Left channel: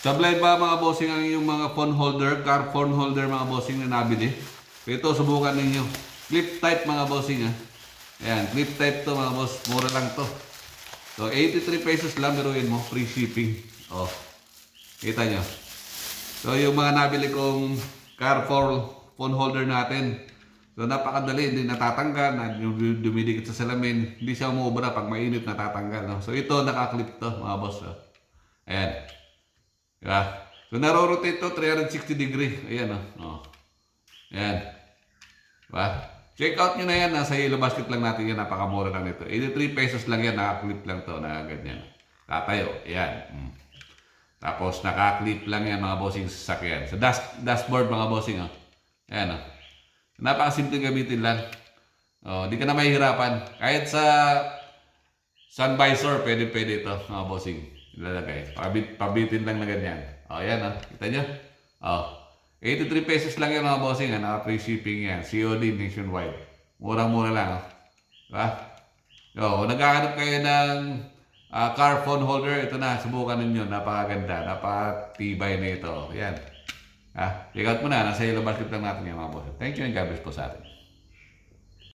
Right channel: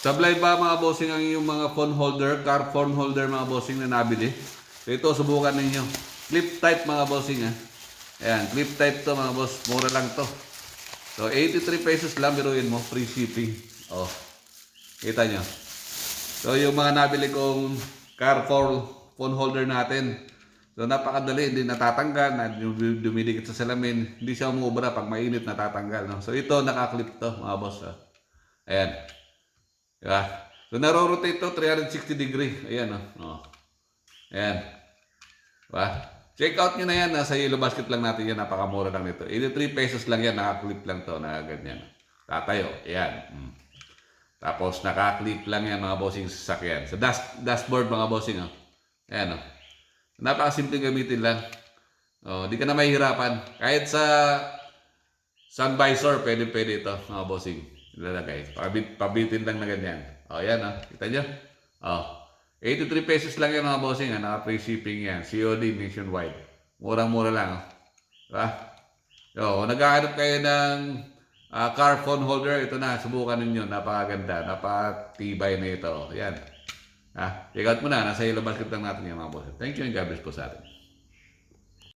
Sablay ba mga bossing ang yung mga phone holder, car phone holder mga bossing na nabili? Ito, subukan ninyo. Clip type mga bossing ha. Ayan, clip type to mga boss. Mura lang to. So, 83 pesos lang, biruin mo. Free shipping. Oh, kita nyo. So, yung mga nabili kong car phone holder natin. So, napakadali. Hindi natatanggal. Dumidikit sa salamin. Hindi siya umubra. Pag mainit, natatanggal. No? So, ito, nakaklip to mga boss. Oh. Ayan. Diba? So, naro-rotate to 360 degree. Ayan, oh. Ayan. Diba? Check out nyo na yan. Nasa Yellow Basket lang natin yan. Napakamura lang nito. 83 pesos lang yan. Nakaklip lang to na ganyan. Tatayo. Ayan. Tapos, nakaklip lang yan mga bossing sa sasakyan. Sa dashboard mga bossing. Oh. Ayan, oh. Napakasimple gamitin lang. Oh, di ka na mahihirapan. Kahit sa sun visor, pwede ito mga bossing. Ilalagay. Pabitin lang na ganyan. O, ayan o. Kita nyo? O. 83 pesos lang yan mga bossing. Naka-free shipping yan. COD nationwide. Murang-mura lang. Diba? O, naghahanap kayo ng car phone holder. Ito na. Subukan ninyo. Napakaganda. Napakatibay na ito. Yan. Check out mo na. Nasa Yellow Basket lang natin yan mga bossing. Thank you and God bless po sa atin.